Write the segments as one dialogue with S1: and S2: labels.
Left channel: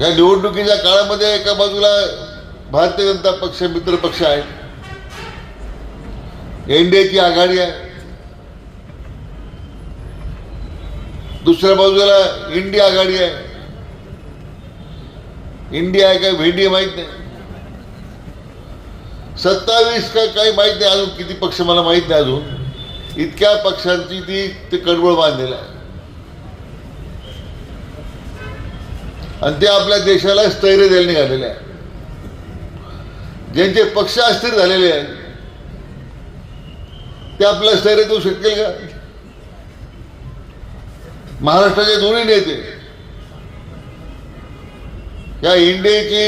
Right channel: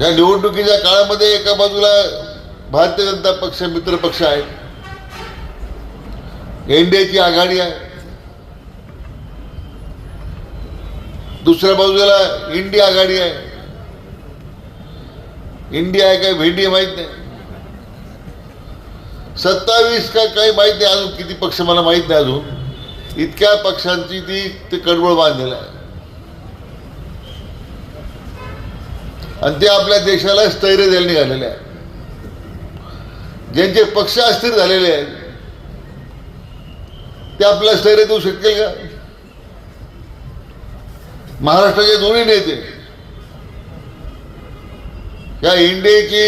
S1: या निवडणुकीच्या काळामध्ये एका बाजूला भारतीय जनता पक्ष मित्र पक्ष आहे एनडीएची आघाडी आहे. दुसऱ्या बाजूला इंडिया आघाडी आहे. इंडिया आहे काय भेंडी माहीत नाही. सत्तावीस का काही माहीत नाही अजून किती पक्ष मला माहीत नाही अजून. इतक्या पक्षांची ती ते कडवळ बांधलेलं आहे. आणि ते आपल्या देशाला स्थैर्य द्यायला निघालेले आहे ज्यांचे पक्ष अस्थिर झालेले आहेत ते आपल्याला स्थैर्य देऊ शकेल का? महाराष्ट्राचे दोन्ही नेते या इंडियाची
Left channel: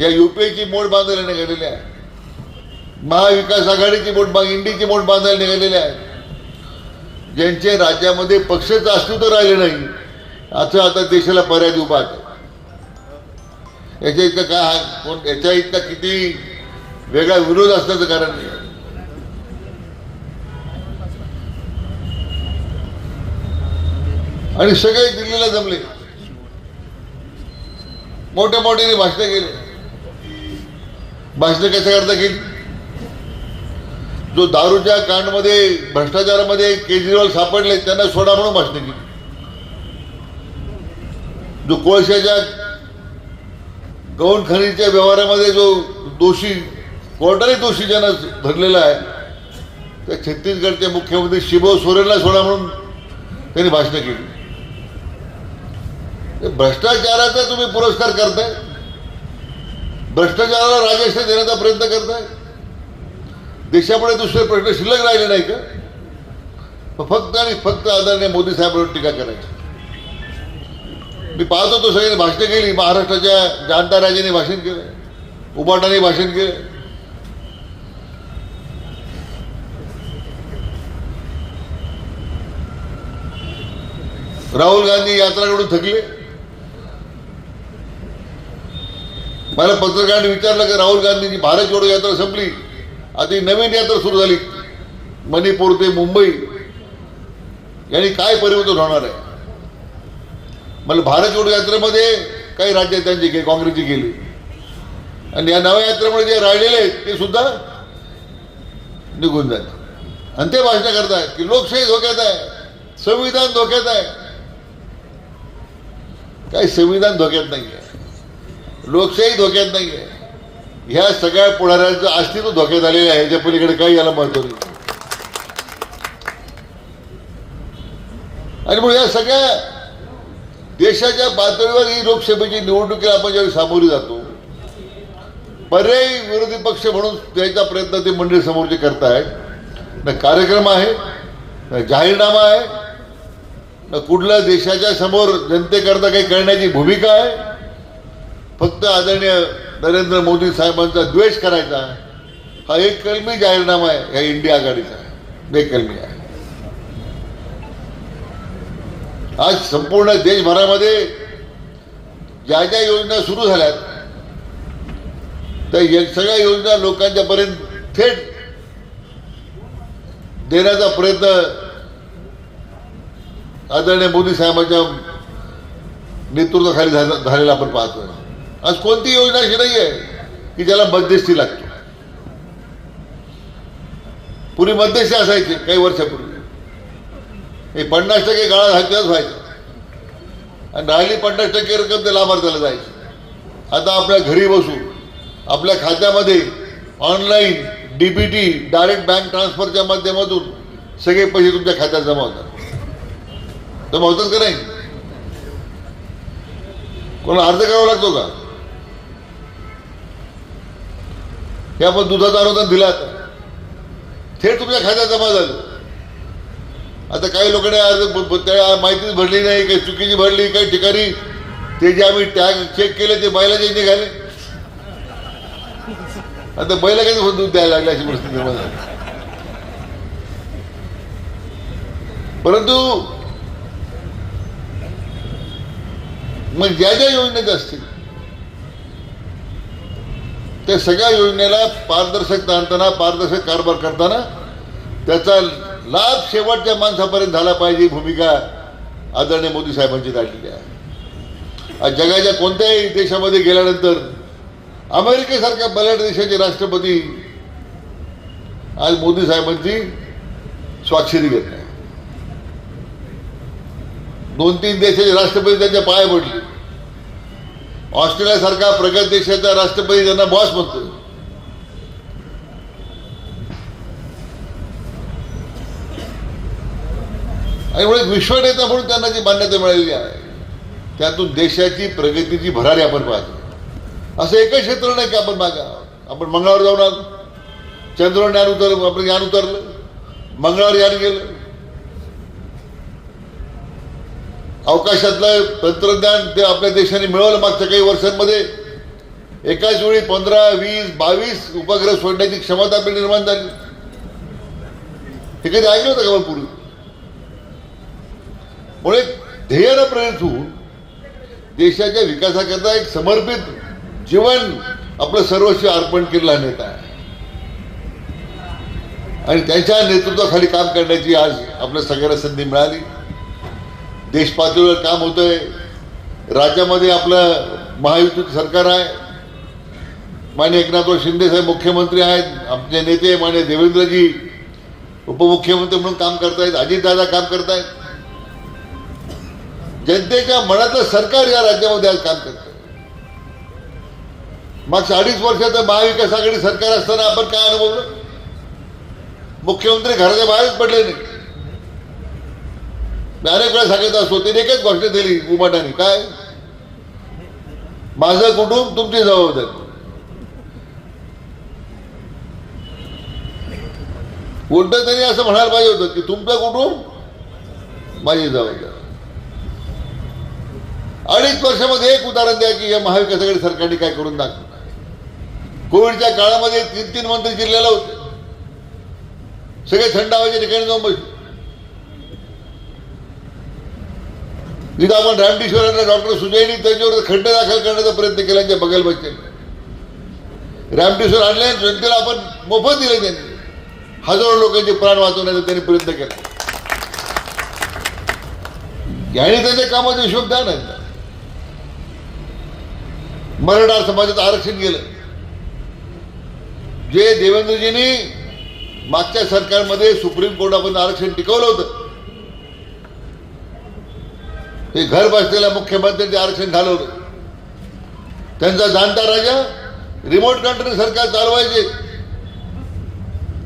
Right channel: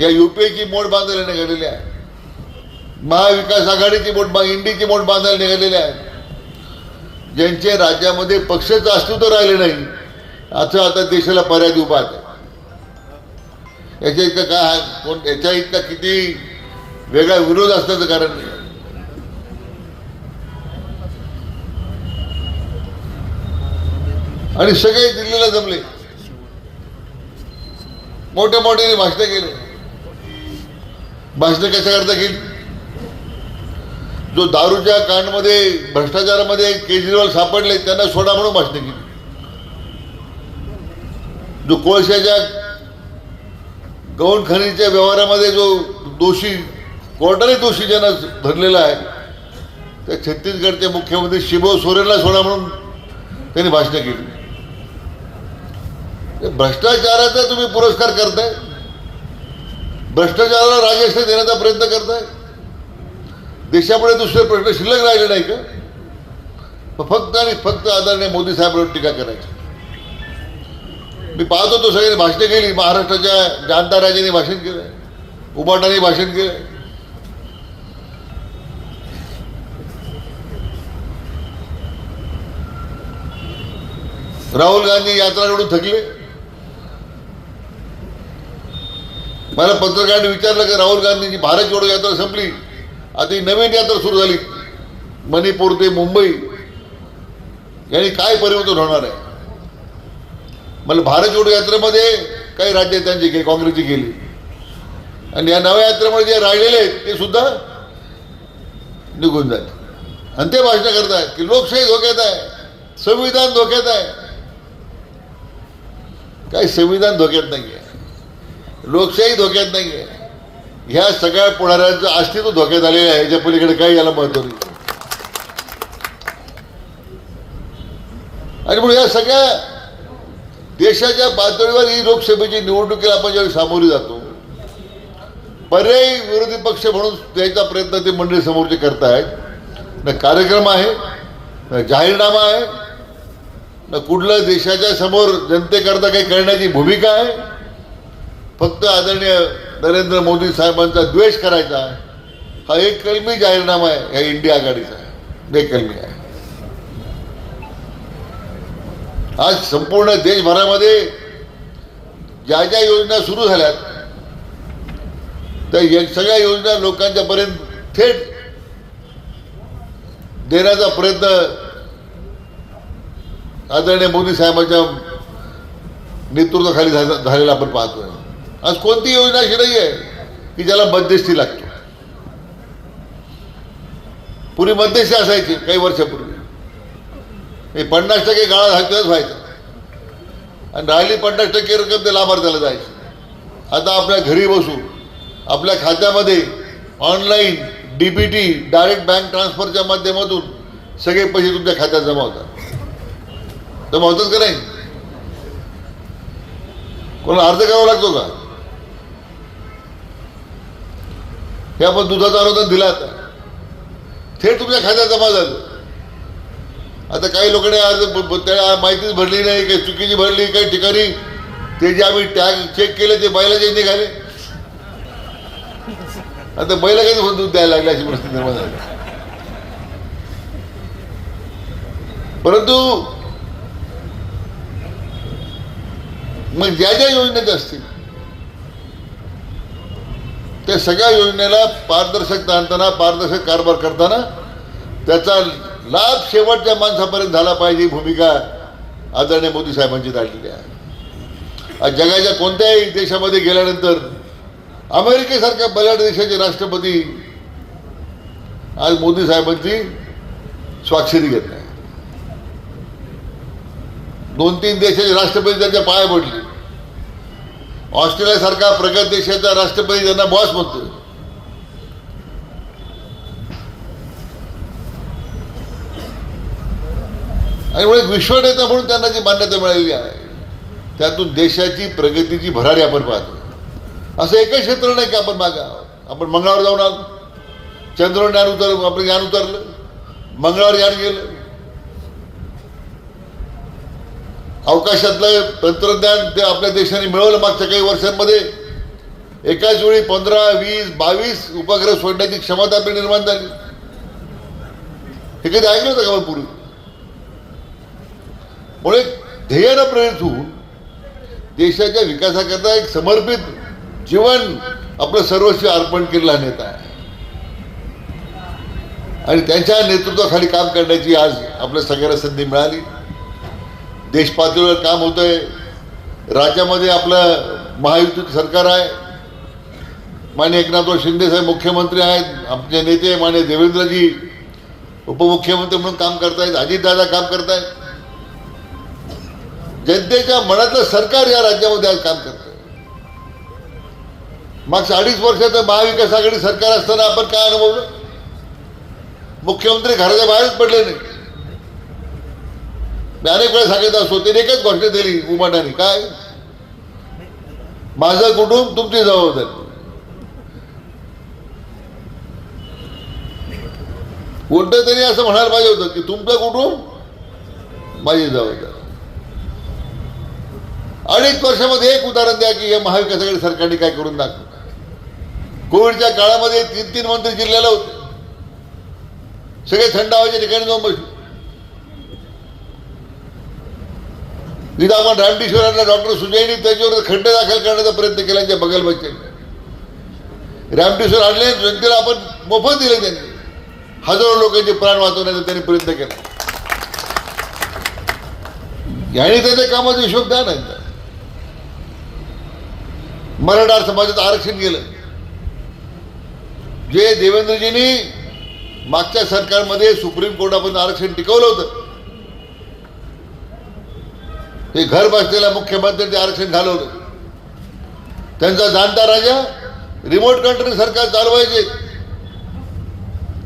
S1: या युपीची मोड बांधायला निघालेली आहे महाविकास आघाडीची मोठ बा इंडीची मोठ बांधायला निघालेली आहे ज्यांचे राज्यामध्ये पक्षच अस्तित्व राहिले नाही असं आता देशाला पर्याय उभा आहे. याच्या इतका काय कोण याच्या इतका किती वेगळा विरोध असण्याचं कारण नाही. आणि सगळे दिल्लीला जमले. मोठ्या मोठ्याने भाषण केले. भाषण कशा करता की जो दारूच्या कांडमध्ये भ्रष्टाचारामध्ये केजरीवाल सापडले त्यांना सोडा म्हणून भाषणे केली. जो कोळशाच्या गौण खनिजच्या व्यवहारामध्ये जो दोषी कोर्टाने दोषी ज्यांना धरलेला आहे त्या छत्तीसगडचे मुख्यमंत्री शिबो सोरेनला सोडा म्हणून त्यांनी भाषणं केली. भ्रष्टाचाराचा तुम्ही पुरस्कार करताय. भ्रष्टाचाराला राजेश्वर देण्याचा प्रयत्न करताय. देशापुढे दुसरे प्रश्न शिल्लक राहिले नाही का? फक्त आणि फक्त आदरणीय मोदी साहेबांवर टीका करायची. मी पाहत होतो सगळ्यांनी भाषणे केली. महाराष्ट्राच्या जाणता राजांनी भाषण केलं. उपाटाने भाषण केलं. राहुल गांधी यात्राकडून थकले. मला पत्रकारांनी विचारलं की राहुल गांधीची भारत जोडो यात्रा संपली. आता ही नवीन यात्रा सुरू झाली. मणिपूर ते मुंबई. यांनी काय परिवर्तन होणार आहे? मला भारत जोडो यात्रेमध्ये काही राज्य त्यांची गेली काँग्रेसची गेली आणि या नव्या यात्रेमध्ये जे राहिलेले ते सुद्धा निघून जाते. आणि ते भाषण करतायत की लोकशाही धोक्यात आहे संविधान धोक्यात आहे. काही संविधान धोक्यात नाहीये. लोकशाही धोक्यात नाहीये. ह्या सगळ्या पुढाऱ्यांचं अस्तित्व धोक्यात आलेलं आहे याच्या पलीकडे काही याला महत्त्व नाही. आणि मग या सगळ्या देशाच्या पातळीवर ही लोकसभेची निवडणुकीला आपण ज्यावेळी सामोरी जातो पर्यायी विरोधी पक्ष म्हणून द्यायचा प्रयत्न ते मंडळी समोरचे करतायत. ना कार्यक्रम आहे ना जाहीरनामा आहे ना कुठल्या देशाच्या समोर जनतेकरता काही करण्याची भूमिका आहे. फक्त आदरणीय नरेंद्र मोदी साहेबांचा द्वेष करायचा हा एक कलमी जाहीरनामा आहे या इंडिया आघाडीचा. बेकलमी आहे. आज संपूर्ण देशभरामध्ये ज्या ज्या योजना सुरू झाल्यात त्या सगळ्या योजना लोकांच्या पर्यंत थेट देण्याचा प्रयत्न आदरणीय मोदी साहेबांच्या नेतृत्वाखाली झाला- झालेला आपण पाहतो आज कोणती योजना अशी नाही आहे की ज्याला मध्यस्थी लागते. पूर्वी मध्यस्थी असायची काही वर्षापूर्वी. हे पन्नास टक्के गाळा घातल्याच व्हायचं. आणि राहिली पन्नास टक्के रक्कम ते लाभार्थ्याला जायचं. आता आपल्या घरी बसून आपल्या खात्यामध्ये ऑनलाईन डीबीटी डायरेक्ट बँक ट्रान्सफरच्या माध्यमातून सगळे पैसे तुमच्या खात्यात जमा होतात. जमा होतात का नाही? कोणाला अर्ज करावा लागतो का? हे आपण दुधाचं अनुदान दिलं थेट तुमच्या खात्यात जमा झालं. आता काही लोकांनी अर्ज त्याला माहितीच भरली नाही काही चुकीची भरली काही ठिकाणी. ते जे आम्ही टॅग चेक केले ते बैलाचे निघाले आता बैला काही दूध द्यायला लागले अशी गोष्ट निर्माण झाली. परंतु मग ज्या ज्या योजनेत असतील त्या सगळ्या योजनेला पारदर्शकता आणताना पारदर्शक कारभार करताना त्याचा लाभ शेवटच्या माणसापर्यंत झाला पाहिजे ही भूमिका आदरणीय मोदी साहेबांची काढलेली आहे. आज जगाच्या कोणत्याही देशामध्ये गेल्यानंतर अमेरिकेसारख्या बलाढ्य देशाचे राष्ट्रपती आज मोदी साहेबांची स्वाक्षरी घेत नाही. दोन तीन देशाचे राष्ट्रपती त्यांच्या पाया पडले. ऑस्ट्रेलियासारखा प्रगत देशाचा राष्ट्रपती त्यांना बॉस म्हणतो आणि मुळे विश्वनेता म्हणून त्यांना जी मान्यता मिळालेली आहे त्यातून देशाची प्रगतीची भरारी आपण पाहतो. असं एकच क्षेत्र नाही की आपण मागा आपण मंगळावर जाऊन आलो. चंद्रावर यान उतरलं आपण यान उतरलं. मंगळावर यान गेलं. अवकाशातलं तंत्रज्ञान ते आपल्या देशाने मिळवलं मागच्या काही वर्षांमध्ये. एकाच वेळी पंधरा वीस बावीस उपग्रह सोडण्याची क्षमता आपली निर्माण झाली. हे कधी ऐकलं होतं का पूर्वी? मुळे ध्येयानं प्रेरित होऊन देशाच्या विकासाकरता एक समर्पित जीवन आपलं सर्वस्व अर्पण केलेला नेता आहे. आणि त्यांच्या नेतृत्वाखाली काम करण्याची आज आपल्या सगळ्यांना संधी मिळाली. देश पातळीवर काम होतंय. राज्यामध्ये आपलं महायुतीत सरकार आहे. मान्य एकनाथराव शिंदे साहेब मुख्यमंत्री आहेत. आमचे नेते मान्य देवेंद्रजी उपमुख्यमंत्री म्हणून काम करतायत. अजितदादा काम करतायत. जनतेच्या मनातलं सरकार या राज्यामध्ये आज काम करतंय मग अडीच वर्षाचं महाविकास आघाडी सरकार असताना आपण काय अनुभवलं? मुख्यमंत्री घराच्या बाहेरच पडले नाही. मी अनेक वेळा सांगितलं असतो तिने एकच गोष्ट दिली उमाटाने काय? माझं कुटुंब तुमची जबाबदारी. कोणतं तरी असं म्हणायला पाहिजे होतं की तुमचं कुटुंब माझी जबाबदारी. अडीच वर्षामध्ये एक उदाहरण द्या की हे महाविकास आघाडी सरकारने काय करून दाखवलं? कोविडच्या काळामध्ये तीन तीन मंत्री जिल्ह्याला होते. सगळे थंड हवेच्या ठिकाणी जाऊन बसले. तिथं आपण रामटेश्वरांना डॉक्टर सुजयनी त्यांच्यावर खंड दाखल करण्याचा प्रयत्न केला त्यांच्या बगल बच्चे रामटेश्वर आणले जनतेला आपण मोफत दिले त्यांनी. हजारो लोकांचे प्राण वाचवण्याचा त्यांनी प्रयत्न केला. याने त्याच्या कामात द्या नाही मराठा समाजात आरक्षण गेलं. जे देवेंद्रजींनी मागच्या सरकारमध्ये सुप्रीम कोर्टापर्यंत आरक्षण टिकवलं होतं ते घर बसलेल्या मुख्यमंत्र्यांचे आरक्षण घालवलं. त्यांचा जाणता राजा रिमोट कंट्री सरकार चालवायचे.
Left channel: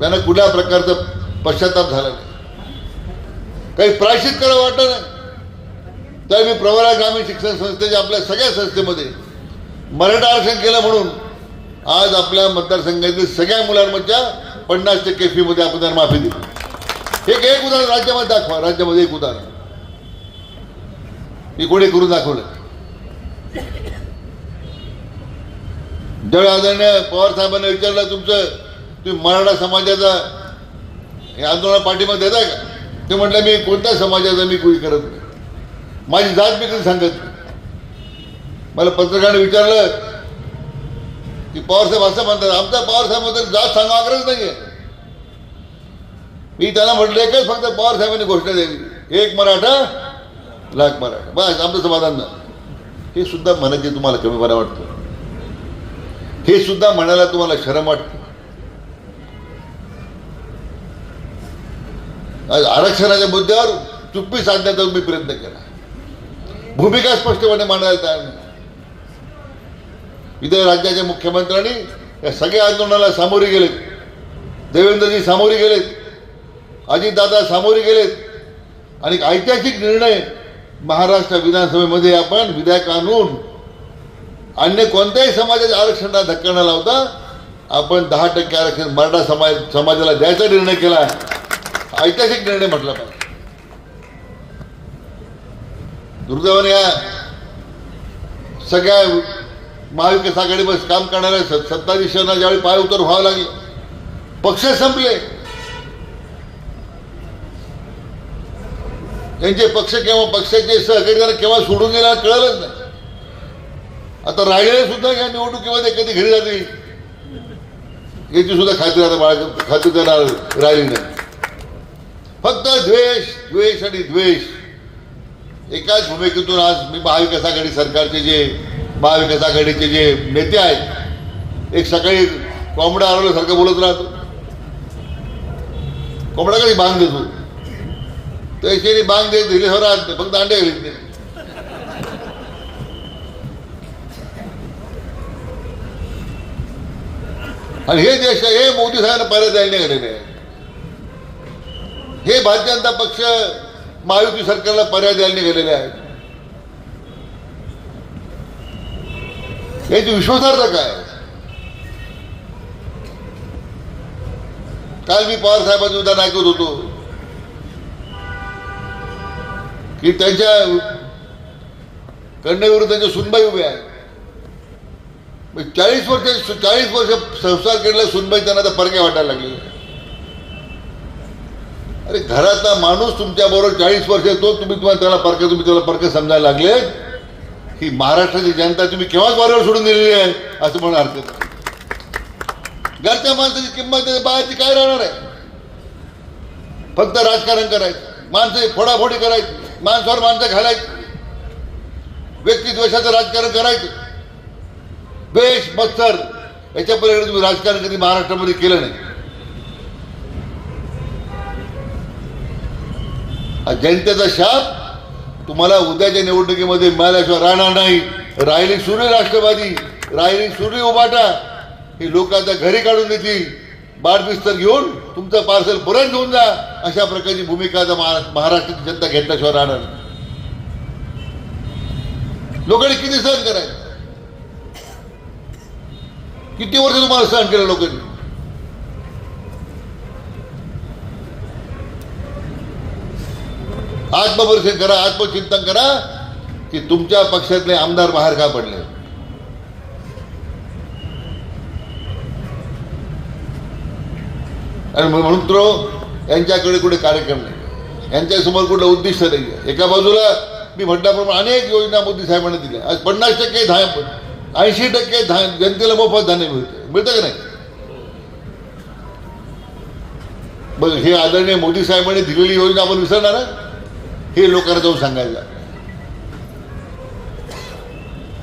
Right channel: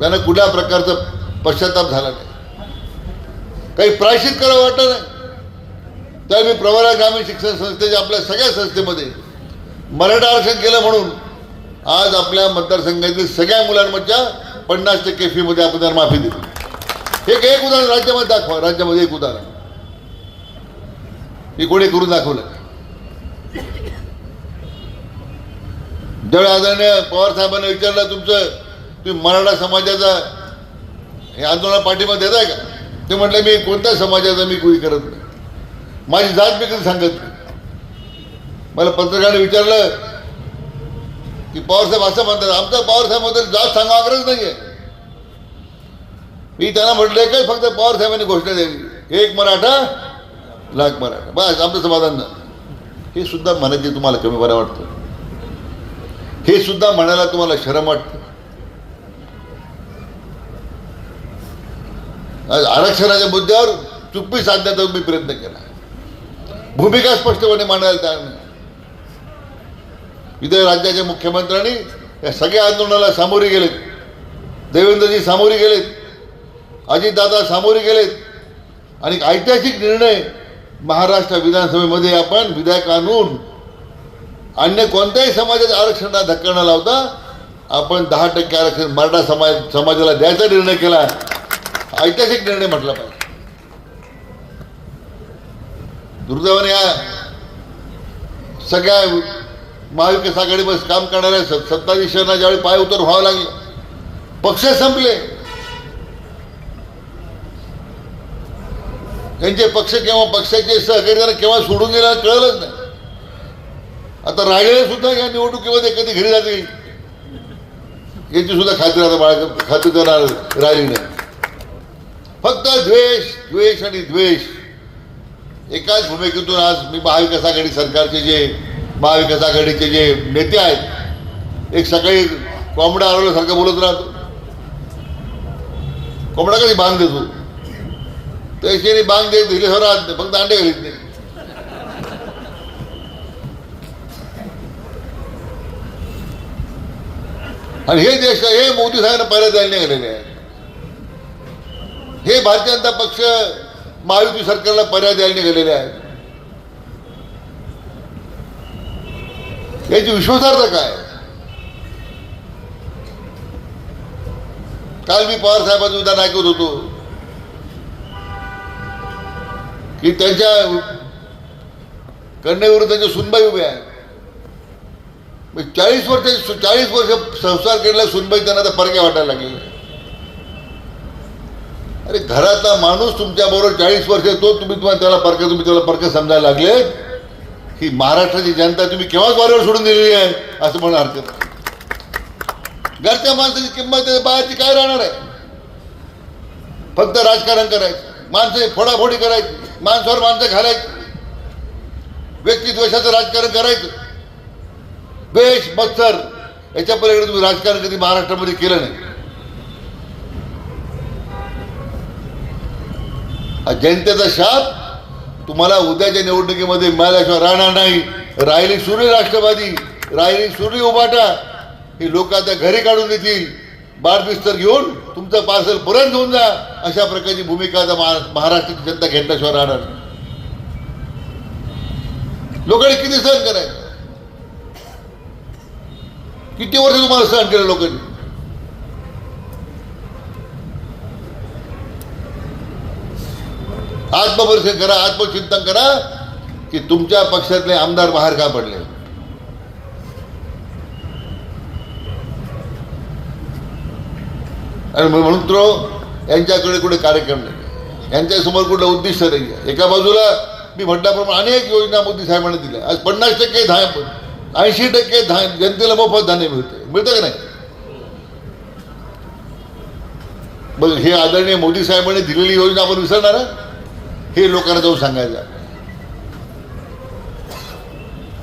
S1: त्यांना कुठल्या प्रकारचा पश्चाताप झाला नाही. काही प्रायश्चित करावं वाटत नाही. तर मी प्रवरा ग्रामीण शिक्षण संस्थेच्या आपल्या सगळ्या संस्थेमध्ये मराठा आरक्षण केलं म्हणून आज आपल्या मतदारसंघातील सगळ्या मुलांमधच्या पन्नास टक्के फी मध्ये आपण त्यांना माफी दिली एक एक उदाहरण राज्यामध्ये दाखवा. राज्यामध्ये एक उदाहरण. हे कोणी करून दाखवलं? ज्यावेळी आदरणीय पवार साहेबांना विचारलं तुमचं तुम्ही मराठा समाजाचा हे आंदोलन पाठिंबा देताय का? ते म्हटलं मी कोणत्या समाजाचा मी कुणी करत नाही. माझी जात मी कधी सांगत नाही. मला पत्रकाराने विचारलं की पवारसाहेब असं म्हणतात आमचा पवारसाहेब जात सांगावरच नाहीये. मी त्यांना म्हटलंय काय फक्त पवारसाहेबांनी घोषणा दिली. एक मराठा लाख मराठा. बस आमचं समाधान हे सुद्धा म्हणायचे तुम्हाला कमी बरं वाटतं? हे सुद्धा म्हणायला तुम्हाला शरम वाटतं? आरक्षणाच्या मुद्द्यावर चुप्पी साधण्याचा मी प्रयत्न केला. भूमिका स्पष्टपणे मांडायला तयार नाही. इथे राज्याच्या मुख्यमंत्र्यांनी या सगळ्या आंदोलनाला सामोरे गेलेत. देवेंद्रजी सामोरे गेलेत. अजितदादा सामोरे गेलेत. आणि ऐतिहासिक निर्णय महाराष्ट्र विधानसभेमध्ये आपण विधेयक आणून अन्य कोणत्याही समाजाच्या आरक्षणाला धक्का न लावता आपण दहा टक्के आरक्षण मराठा समाज समाजाला द्यायचा निर्णय केला ऐतिहासिक निर्णय म्हटला पाहिजे. दुर्दैवाने या सगळ्या महाविकास आघाडीमध्ये काम करणाऱ्या स- सत्ताधीशांना ज्यावेळी पाय उतर व्हावं लागलं पक्ष संपले. त्यांचे पक्ष केव्हा पक्षाचे सहकारी त्यांना केव्हा सोडून गेला कळलंच नाही. आता राहिले सुद्धा या निवडणुकीमध्ये कधी घरी जातील? याची सुद्धा खात्री आता बाळा खात्री तर राहिली नाही फक्त द्वेष द्वेष आणि द्वेष. एकाच भूमिकेतून आज मी महाविकास आघाडी सरकारचे जे महाविकास आघाडीचे जे नेते आहेत एक सकाळी कोंबडा आरोग्यासारखं बोलत राहतो. कोंबडा कधी बांध देतो? त्याच्याने बांध देत दिले हो राहत नाही फक्त अंडे घरीत नाही. आणि हे देश हे मोदी साहेबांना पर्याय द्यायला गेलेले आहे. हे भारतीय जनता पक्ष महायुती सरकारला पर्याय द्यायला गेलेले आहेत. याची विश्वासार्हता काय? काल मी पवार साहेबांचं विधान ऐकत होतो. की त्यांच्या कन्याविरुद्ध त्यांच्या सुनबाई उभ्या आहे चाळीस वर्ष चाळीस वर्ष संसार केलेल्या सुनबाई त्यांना आता परक्या वाटायला लागले. अरे घरातला माणूस तुमच्या बरोबर चाळीस वर्ष तो तुम्ही तुम्हाला त्याला परक तुम्ही त्याला परक समजायला लागले. की महाराष्ट्राची जनता तुम्ही केव्हाच वारवर सोडून दिलेली आहे? असं म्हणा हरकत घरच्या माणसाची किंमत बाहेरची काय राहणार आहे? फक्त राजकारण करायचं. माणसं फोडाफोडी करायची. माणसावर माणसं घालायची. व्यक्तिद्वेषाचं राजकारण करायचं. द्वेष मत्सर याच्या पलीकडे तुम्ही राजकारण कधी महाराष्ट्रामध्ये केलं नाही. जनतेचा शाप तुम्हाला उद्याच्या निवडणुकीमध्ये मिळाल्याशिवाय राहणार नाही. राहिली सूर्य राष्ट्रवादी राहिली सूर्य उभाटा. हे लोक आता घरी काढून देतील. बाळबिस्तर घेऊन तुमचं पार्सल परत घेऊन जा. अशा प्रकारची भूमिका आता महाराष्ट्राची जनता घेतल्याशिवाय राहणार नाही. लोकांनी किती सहन करायचं? किती वर्ष तुम्हाला सहन केलं लोकांनी? आत्मपरीक्षण करा आत्मचिंतन करा की तुमच्या पक्षातले आमदार बाहेर का पडले? आणि म्हणतो यांच्याकडे कुठे कार्यक्रम नाही. यांच्यासमोर कुठलं उद्दिष्ट नाही. एका बाजूला मी म्हटल्याप्रमाणे अनेक योजना मोदी साहेबांनी दिल्या. आज पन्नास टक्के धान ऐंशी टक्के धान जनतेला मोफत धान्य मिळते. मिळतं का नाही? मग हे आदरणीय मोदी साहेबांनी दिलेली योजना आपण विसरणार हे लोकांना जाऊन सांगायला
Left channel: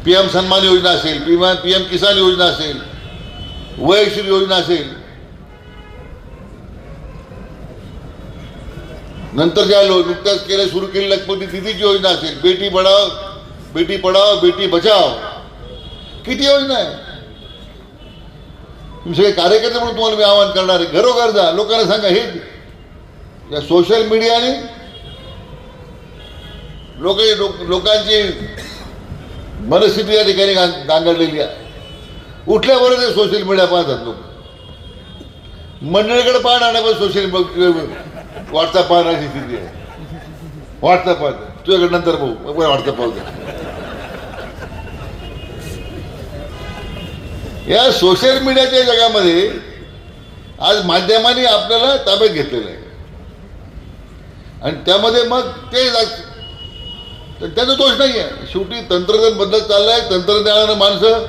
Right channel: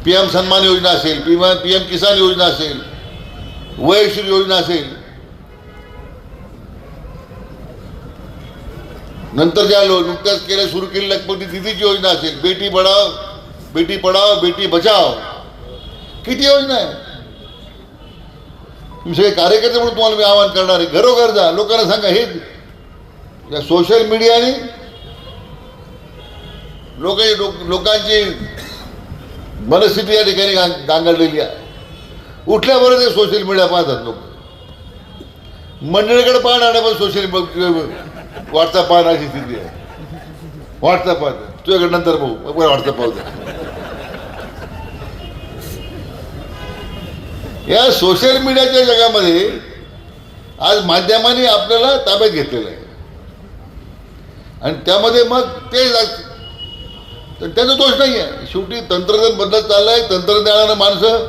S1: पीएम सन्मान योजना असेल पीएम पीएम किसान योजना असेल वयश्री योजना असेल. नंतर ज्या नुकत्याच केल्या सुरू केली लखपती दिदीची योजना असेल बेटी पढाव बेटी पढाव बेटी बचाव. किती योजना आहे? तुम्ही सगळे कार्यकर्ते म्हणून तुम्हाला मी आवाहन करणार आहे. घरोघर जा लोकांना सांगा हे या सोशल मीडियाने लोक लोकांची मनस्थिती या ठिकाणी गांगडलेली आहे. उठल्याबरोबर ते सोशल मीडिया पाहतात लोक. मंडळीकडे पाहणार नाही पण सोशल व्हॉट्सअप पाहण्याची स्थिती आहे. व्हॉट्सअप पाहतात तुझ्याकडे नंतर बघू. व्हॉट्सअप पाहतो या सोशल मीडियाच्या जगामध्ये आज माध्यमांनी आपल्याला ताब्यात घेतलेलं आहे. आणि त्यामध्ये मग ते तर त्याचा दोष नाही आहे शेवटी तंत्रज्ञान बदलत चाललंय. तंत्रज्ञानानं माणसं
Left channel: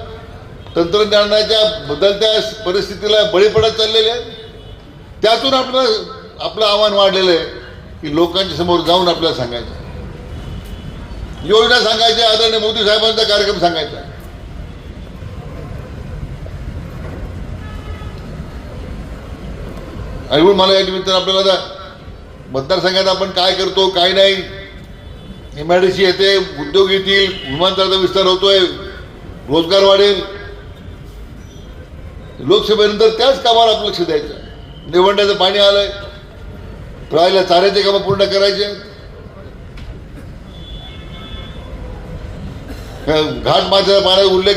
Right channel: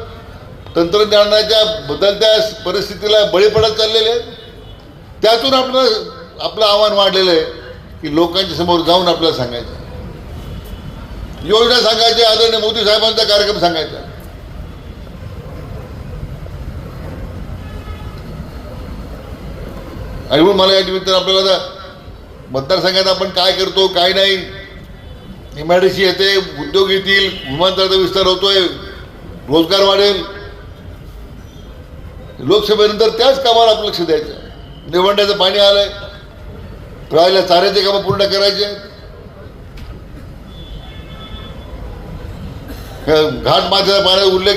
S1: तंत्रज्ञानाच्या बदलत्या परिस्थितीला बळी पडत चाललेले आहेत. त्यातून आपलं आपलं आव्हान वाढलेलं आहे की लोकांच्या समोर जाऊन आपल्याला सांगायचं. योजना सांगायची आदरणीय मोदी साहेबांचा कार्यक्रम सांगायचा. आणि म्हणून मला या निमित्तानं आपल्याला आता मतदारसंघात आपण काय करतो काय नाही एमआयडीसी येते उद्योग येतील विमानतळाचा विस्तार होतोय रोजगार वाढेल लोकसभेनंतर त्याच कामाला आपलं लक्ष द्यायचं. निवडण्याचं पाणी आलंय. प्रवाहाला चाऱ्याचे कामं पूर्ण करायचे. घाट माझ्या पाण्याचा उल्लेख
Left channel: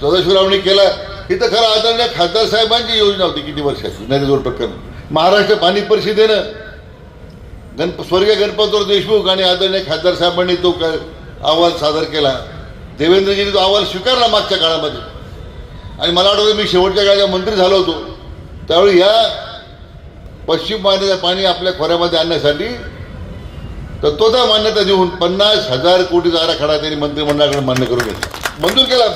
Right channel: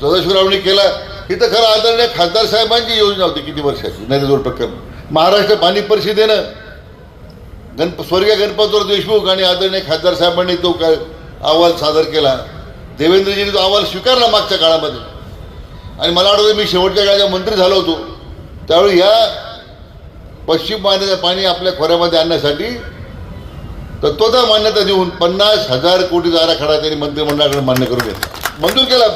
S1: सदाशिवरावनी केला. ही तर खरं आदरणीय खासदार साहेबांची योजना होती किती वर्षाची? नरेंद्र प्रकरण महाराष्ट्र पाणी परिषदेनं गणप स्वर्गीय गणपतराव देशमुख आणि आदरणीय खासदार साहेबांनी तो काय अहवाल सादर केला. देवेंद्रजींनी तो अहवाल स्वीकारला मागच्या काळामध्ये. आणि मला वाटतं मी शेवटच्या काळात मंत्री झालो होतो. त्यावेळी या पश्चिम पाण्याचं पाणी आपल्या खोऱ्यामध्ये आणण्यासाठी तत्वता मान्यता देऊन पन्नास हजार कोटीचा आराखडा त्यांनी मंत्रिमंडळाकडे मान्य करून घेतला. मंजूर केला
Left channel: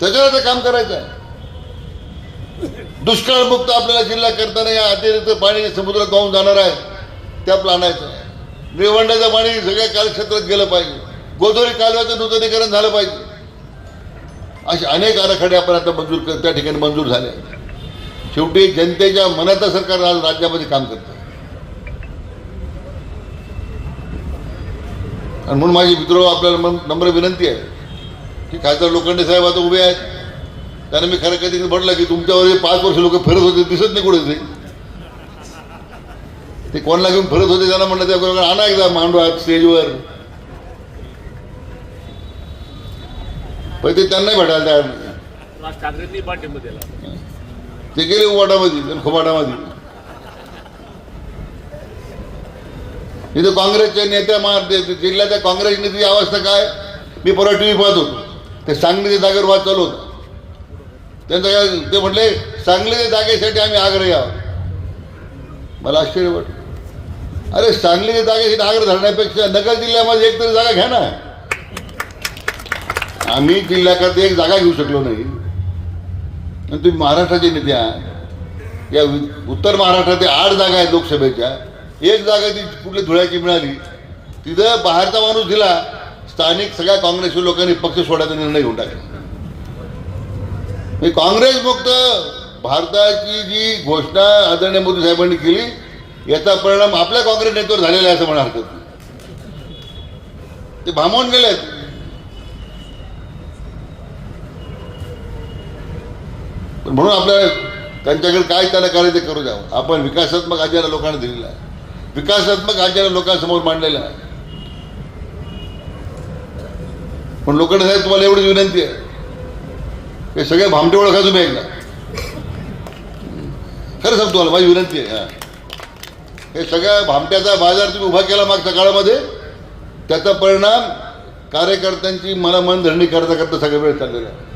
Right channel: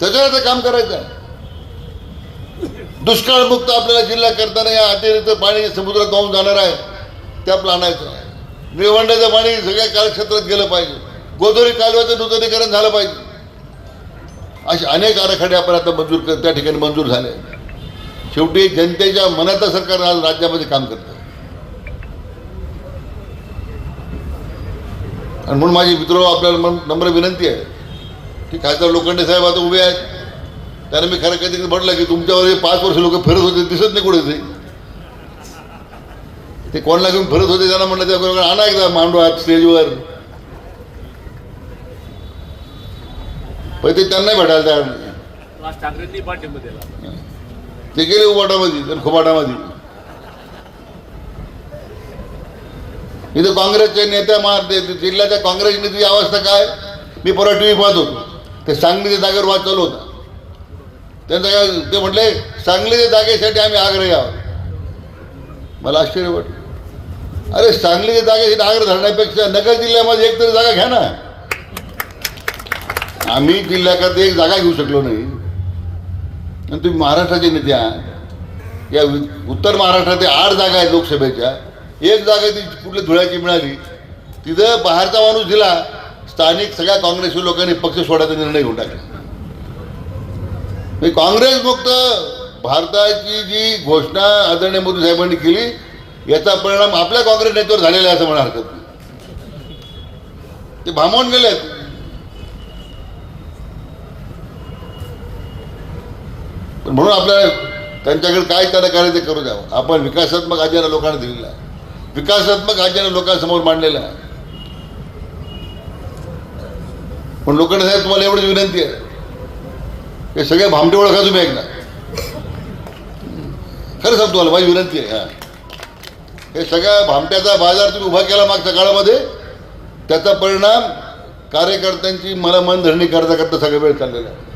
S1: त्याच्यावर ते काम करायचं. आहे. दुष्काळमुक्त आपल्याला जिल्हा करताना या अतिरिक्त पाणी समुद्रात वाहून जाणार आहे. त्या प्लानाचं आहे. निळवंड्याचं पाणी सगळ्या कार्यक्षेत्रात गेलं पाहिजे. गोदावरी कालव्याचं नूतनीकरण झालं पाहिजे. असे अनेक आराखडे आपण आता मंजूर कर- त्या ठिकाणी मंजूर झाले. शेवटी जनतेच्या मनात सरकार आज राज्यामध्ये काम करतं. आणि म्हणून माझी मित्र आपल्याला मन- नम्र विनंती आहे की खासदार लोखंडे साहेब आता उभे आहेत. त्याने मी खरं कधी म्हटलं की तुमच्यावर पाच वर्ष लोक फिरत होते दिसत नाही कुठे ते ते कोणाला घेऊन फिरत होते त्यांना म्हणलं त्या आणा एकदा मांडवा स्टेजवर पण ते त्यांनाही भेटायला तयार ते गेले उबाटामध्ये आणि खुबाटामध्ये. इथं काँग्रेसचे नेते जिल्ह्याच्या काँग्रेस नेत्याची अवस्था काय? मी परवा टीव्ही पाहतो. ते सांगलीच्या जागेवर वाद चालू होता. त्यांचं काय ते म्हटले सांगलीच्या जागेसाठी आम्ही आग्रह आहोत. मला आश्चर्य वाटलं. अरे सांगलीच्या जागेसाठी आग्रह धरण्यापेक्षा नगर जिल्ह्यामध्ये एक तरी जागा घ्या ना. आम्ही जिल्ह्याकरता एक जागा घेऊ शकलो नाही. आणि तुम्ही महाराष्ट्राचे नेते आहात. या उत्तर महाराष्ट्रात आठ जागा आहेत लोकसभेच्या. एक जागा ती कुठली धुळ्याची मिळाली. तिथं बाहेरचा माणूस दिला. स्थानिक सगळ्या काँग्रेसी लोकांनी पक्ष सोडायचा निर्णय घेऊन टाकला. काँग्रेस मुक्त भारताची जी घोषणा आदरणीय मोदी साहेबांनी केली याचा परिणाम आपल्या काँग्रेस नेत्यावर झालेला आहे असं म्हणा हरकत नाही ते भांबवून गेलेत म्हणून आपल्याला त्यांच्याकडे काय त्याला कार्य ते करू द्यावं आपण विकासात्मक अजेंडा लोकांना दिलेला आहे. विकासात्मक अजेंडा लोकांसमोर मांडलेला आहे. पण लोकांना साहेब तुम्हाला एवढी विनंती आहे. हे सगळे भामटे ओळखा तुम्ही एकदा. खरं सांगतो तुम्हाला माझी विनंती आहे हा. हे सगळ्या भामट्याचा बाजार तुम्ही उभा केला मागच्या काळामध्ये त्याचा परिणाम कार्यकर्त्यांची मला मन धरणी करता करता सगळे वेळ चाललेला आहे.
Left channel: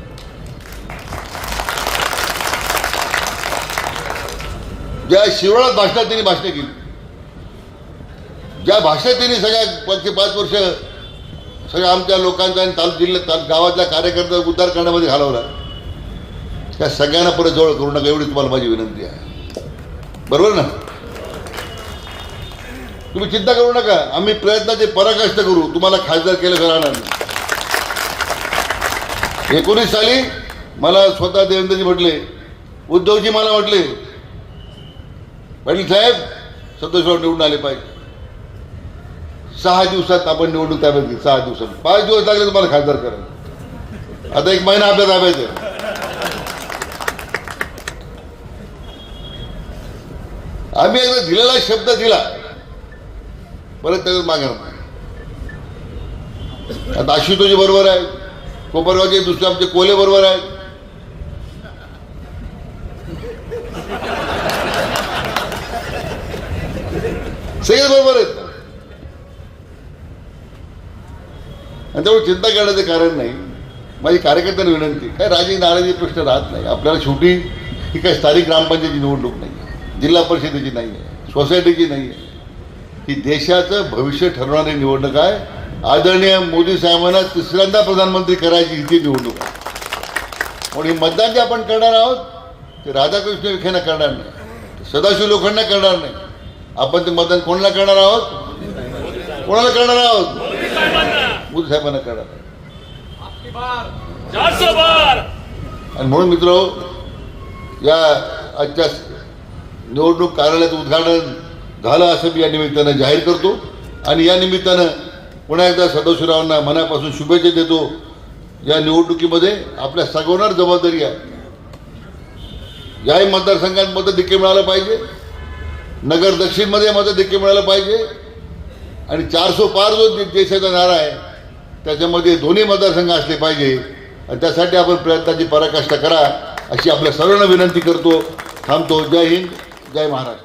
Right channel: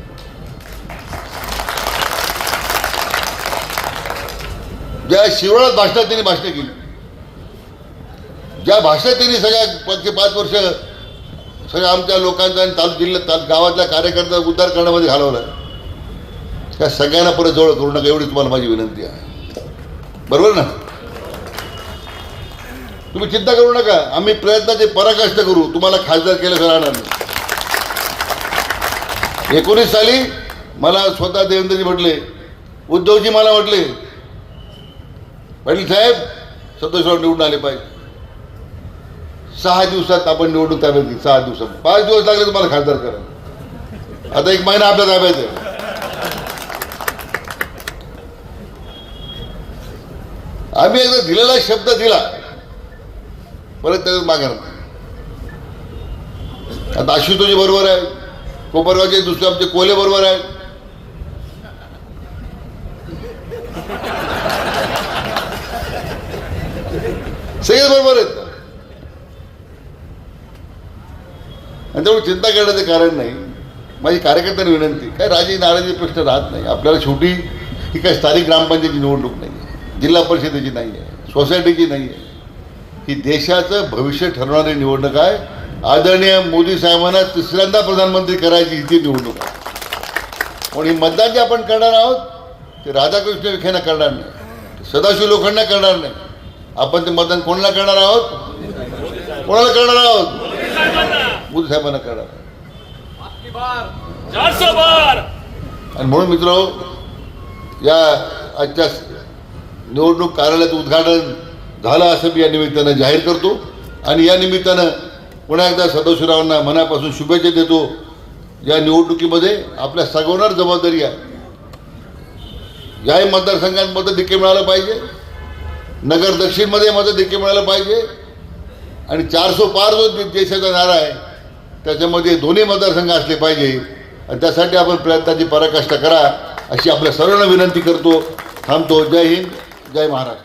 S1: ज्या शिवळात भाषणात त्यांनी भाषणं केली ज्या भाषेत त्यांनी सगळ्या पाच पाच वर्ष सगळ्या आमच्या लोकांचा आणि तालुक जिल्ह्यात गावातल्या कार्यकर्ता उद्धार करण्यामध्ये घालवला त्या सगळ्यांना परत जवळ करू नका एवढी तुम्हाला माझी विनंती आहे. बरोबर ना? तुम्ही चिंता करू नका आम्ही प्रयत्नाचे पराकाष्ट करू तुम्हाला खासदार केलं राहणार नाही. एकोणीस साली मला स्वतः देवेंद्रजी म्हटले उद्धवजी मला म्हटले पाटील साहेब सदस्यवर निवडून आले पाहिजे. सहा दिवसात आपण निवडून त्यापैकी सहा दिवसात. पाच दिवस लागले तुम्हाला खासदार करा आता एक महिना आपल्या ताब्यात आम्ही एकदा दिलेला शब्द दिला. परत त्याच्यात मागे आता आशुतोजी बरोबर आहे. कोपरगावचे दुसरे आमचे कोले बरोबर आहेत. सगळे बरोबर आहेत. आणि त्यामुळे चिंता करण्याचं कारण नाही. माझी कार्यकर्त्यांना विनंती काय राजी नाराजी प्रश्न राहत नाही. आपल्याला शेवटी ही काय स्थानिक ग्रामपंचायती निवडणूक नाही. जिल्हा परिषदेची नाही आहे सोसायटीची नाही आहे. ही देशाचं भविष्य ठरवणारी निवडणूक आहे. आदरणीय मोदी साहेबांना तिसऱ्यांदा प्रधानमंत्री करायची ही ती निवडणूक आहे. म्हणून हे मतदान जे आपण करणार आहोत ते राधाकृष्ण विखेंना करणार नाही. सदाशिव लोखंडना करणार नाही. आपण ते मतदान कोणाला करणार आहोत? कोणाला करणार आहोत? मोदी साहेबांना करणार आणि म्हणून मित्र या आजच्या निवडणूक कार्यालयाचं उद्घाटन झालं असं मी या निमित्तानं जाहीर करतो. आणि या निमित्तानं पुन्हा एकदा सदस्यरावांना मनापासून शुभेच्छा देतो. या निवडणुकीमध्ये आपल्या सगवणार जबाबदारी आहे. याही मतदारसंघात मतं देखील मिळालं पाहिजे. नगर दक्षिणमध्ये मतं देखील मिळालं पाहिजे. आणि चारसो पार जो देशाचा नारा आहे त्याच्यामध्ये दोन्ही मतदारसंघ असले पाहिजे. आणि त्यासाठी आपण प्रयत्नाची पराकाष्ठा करा अशी आपल्या सर्वांना विनंती करतो. थांबतो. जय हिंद. जय महाराष्ट्र